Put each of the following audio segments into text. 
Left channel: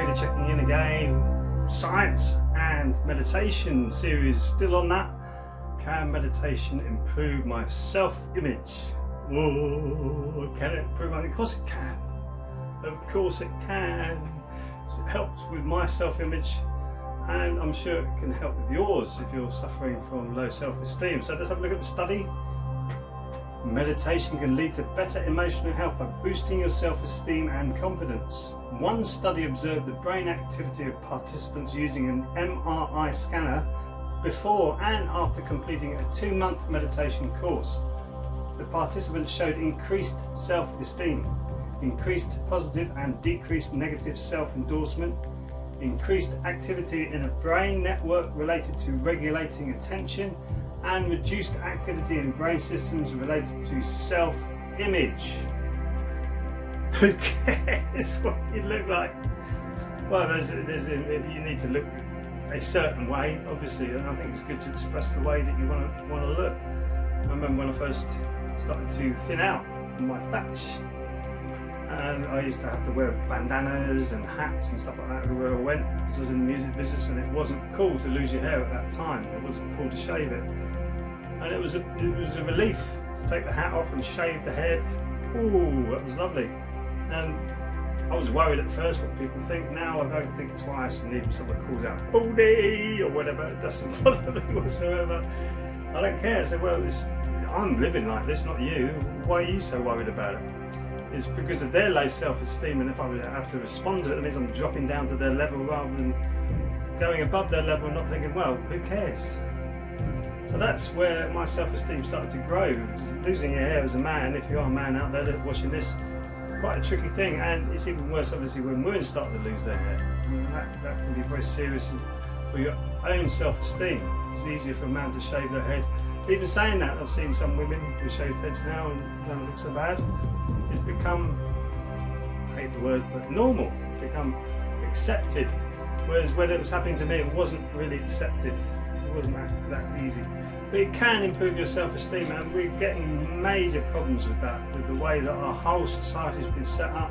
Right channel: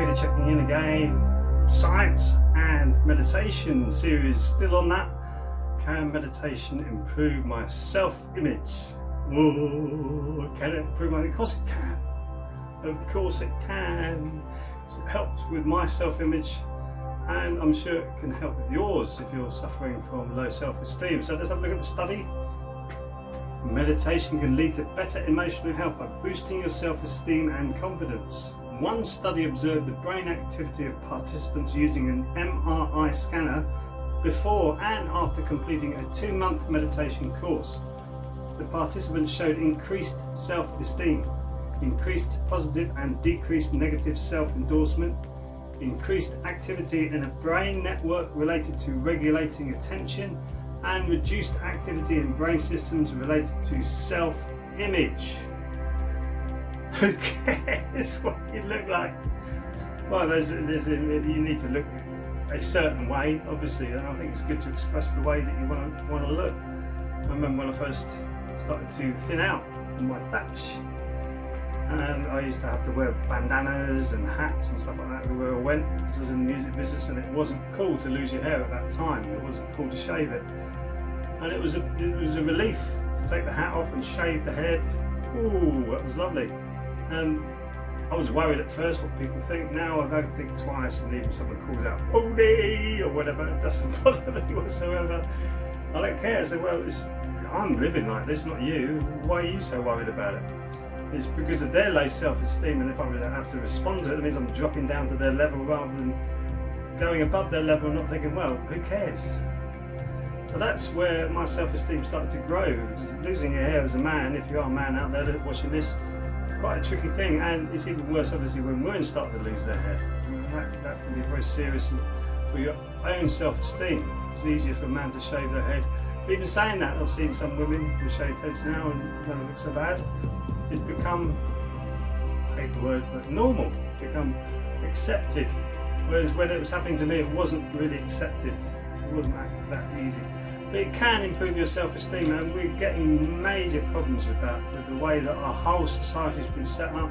Peter checking in again. Science and meditation series, still on that. Can meditation improve my self-image? Oh, can it improve my... Of course it can. Of course it can. It helps with my self-image, and I'm sure it can help with yours if you're suffering from low self-esteem. So let's have a look at the study. Meditation can lead to better emotional health by boosting your self-esteem and confidence. One study observed the brain activity of participants using an MRI scanner before and after completing a 2-month meditation course. The participants showed increased self-esteem, increased positive and decreased negative self-endorsement, increased activity in a brain network related to regulating attention, and reduced activity in brain systems related to self-image. Who cares what you look like? Well, you need to look a certain way, obviously, and I think it's good to express the way that you want to look. I remember when I first started to thin out in my thatch, and I used to have to wear bandanas and hats and stuff like that everywhere I went, because I was in the music business, and it wasn't cool to lose your hair at that time. It wasn't cool to shave it. And it was a relief to take the hat off and shave the head. Ooh, that was lovely. And I was worried at first what people think. Now I don't think twice, and even someone calls out "Pony" or whatever, it doesn't bother me whatsoever. I don't care. I say, well, I'm living like this, not you. Why are you so worried about it? It's because of their low self-esteem, and if I have to respond to it, it means I'm dropping down to their level rather than going above their level and not thinking, well, who cares? So that's where my self-esteem started to grow. Losing your hair as a man, if you are a man out there watching this, quite a tricky thing, and it's even worse obviously when women start to lose their hair. I mean, that can be very serious for your own self-esteem. It's easier for a man to shave their head. But even saying that, I've seen some women with shaved heads now and it doesn't look so bad. It's become, I hate the word, but normal, become accepted. Whereas when it was happening to me, it wasn't really accepted. It wasn't that easy. But it can improve your self-esteem, and we're getting major problems with that, with the way that our whole society has been set up,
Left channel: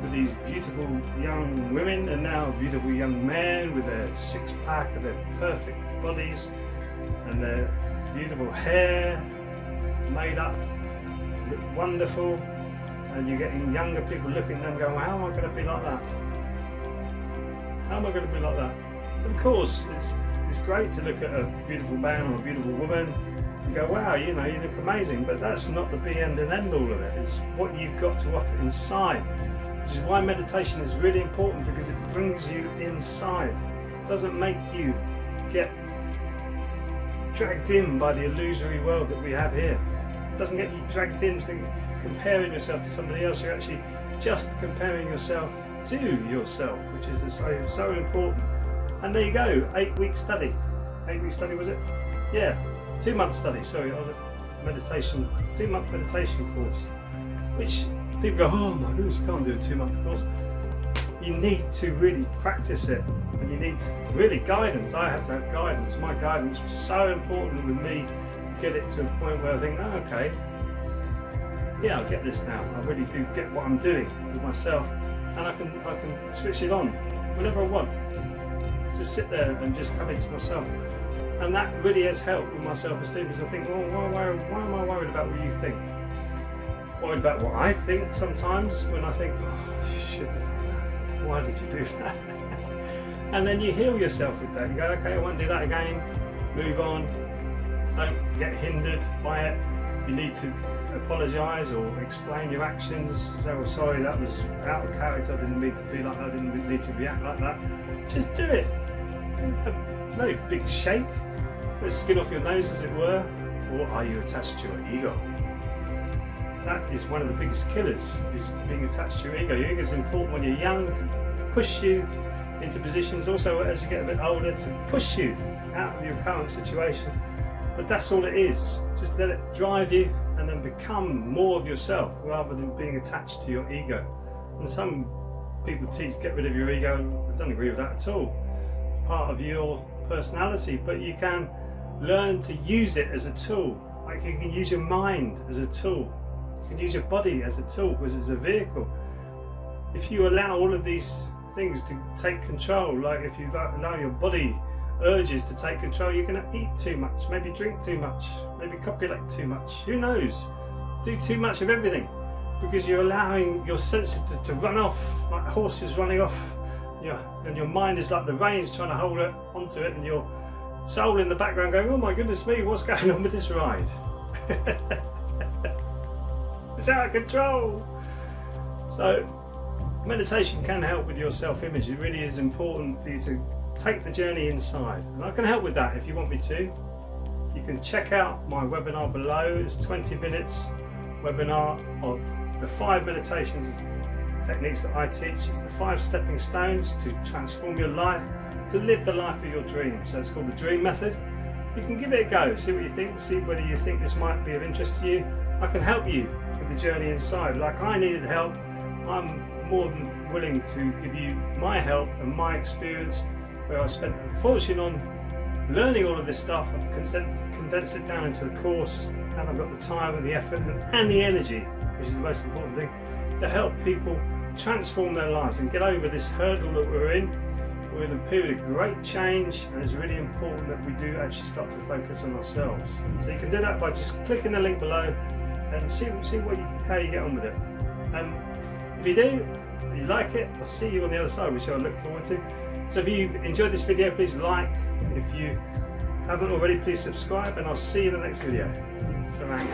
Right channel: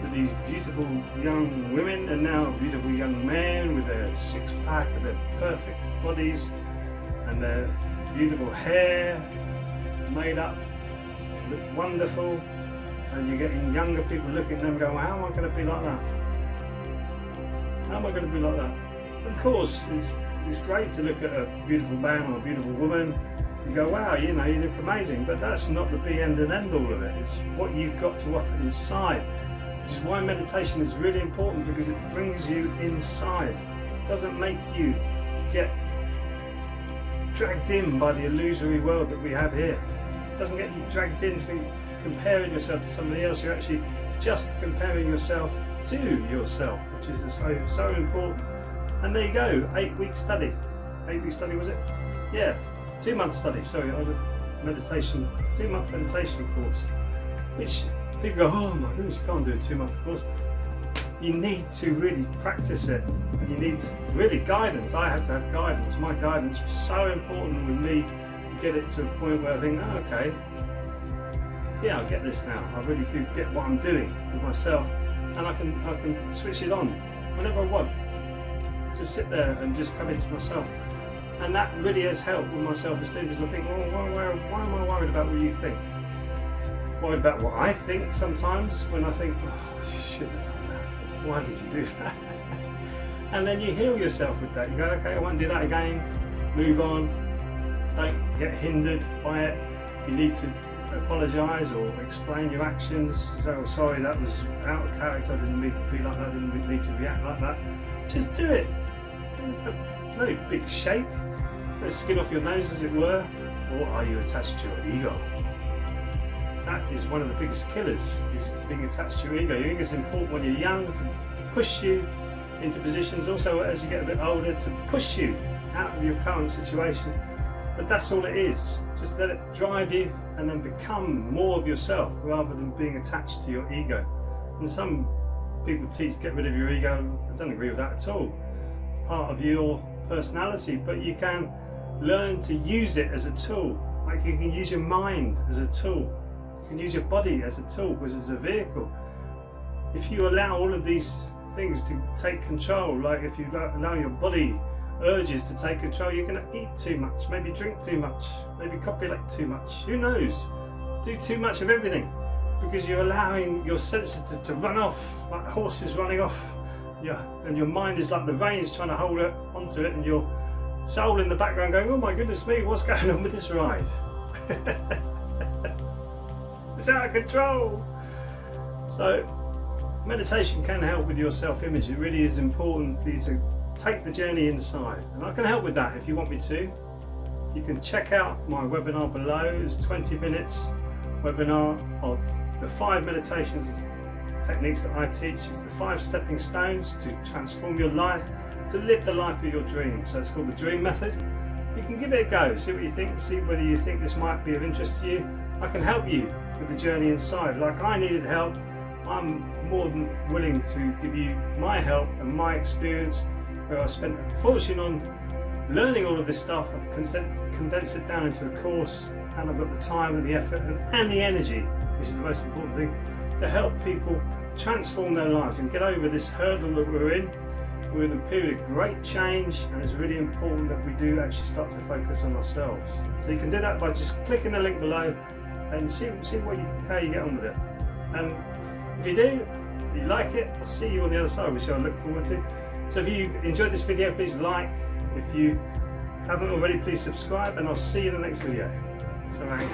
with these beautiful young women and now beautiful young men with their six-pack and their perfect bodies and their beautiful hair made up, look wonderful, and you're getting younger people looking at them going, well, how am I going to be like that? How am I going to be like that? Of course, it's great to look at a beautiful man or a beautiful woman and go, wow, you know, you look amazing, but that's not the be end and end all of it. It's what you've got to offer inside, which is why meditation is really important, because it brings you inside. It doesn't make you get dragged in by the illusory world that we have here. It doesn't get you dragged in comparing yourself to somebody else. You're actually just comparing yourself to yourself, which is so important. And there you go, 8-week study. 8-week study, was it? Yeah, 2-month study, sorry, of a meditation, 2-month meditation course. Which people go, oh my goodness, you can't do a 2-month course. You need to really practice it, and you need really guidance. I had to have guidance. My guidance was so important with me to get it to a point where I think, oh, okay, yeah, I get this now. I really do get what I'm doing with myself, and I can switch it on whenever I want. Just sit there and just come into myself, and that really has helped with my self-esteem, because I think, well, why am I worried about what you think? Worried about what I think sometimes, when I think, oh, shit, why did you do that? And then you heal yourself with that. You go, okay, I won't do that again. Move on. Don't get hindered by it. You need to apologise or explain your actions. Say, oh, sorry, that was out of character. I didn't mean to be like that. I didn't need to react like that. Just do it. No big shake. Let's skin off your nose, as it were. Or are you attached to your ego? That is one of the biggest killers, is being attached to your ego. Your ego is important when you're young to push you into positions, also as you get a bit older to push you out of your current situation. But that's all it is. Just let it drive you and then become more of yourself rather than being attached to your ego. And some people teach get rid of your ego. I don't agree with that at all. Part of your personality, but you can learn to use it as a tool. Like you can use your mind as a tool. You can use your body as a tool, because it's a vehicle. If you allow all of these things to take control. Like if you allow your body urges to take control, you're going to eat too much, maybe drink too much, maybe copulate too much, who knows, do too much of everything, because you're allowing your senses to run off like horses running off. And your mind is like the reins trying to hold onto it, and your soul in the background going, oh my goodness me, what's going on with this ride? It's out of control. So meditation can help with your self-image. It really is important for you to take the journey inside, and I can help with that if you want me to. You can check out my webinar below. It's 20 minutes webinar of the 5 meditations techniques that I teach. It's the 5 stepping stones to transform your life, to live the life of your dreams. So it's called the Dream Method. You can give it a go, see what you think, see whether you think this might be of interest to you. I can help you with the journey inside. Like I needed help, I'm more than willing to give you my help and my experience, where I spent a fortune on learning all of this stuff. I've condensed it down into a course, and I've got the time and the effort and the energy, which is the most important thing, to help people transform their lives and get over this hurdle that we're in. We're in a period of great change, and it's really important that we do actually start to focus on ourselves. So you can do that by just clicking the link below and see how you get on with it. And if you do, if you like it, I'll see you on the other side, which I look forward to. So if you enjoyed this video, please like. If you haven't already, please subscribe, and I'll see you in the next video. Sarang.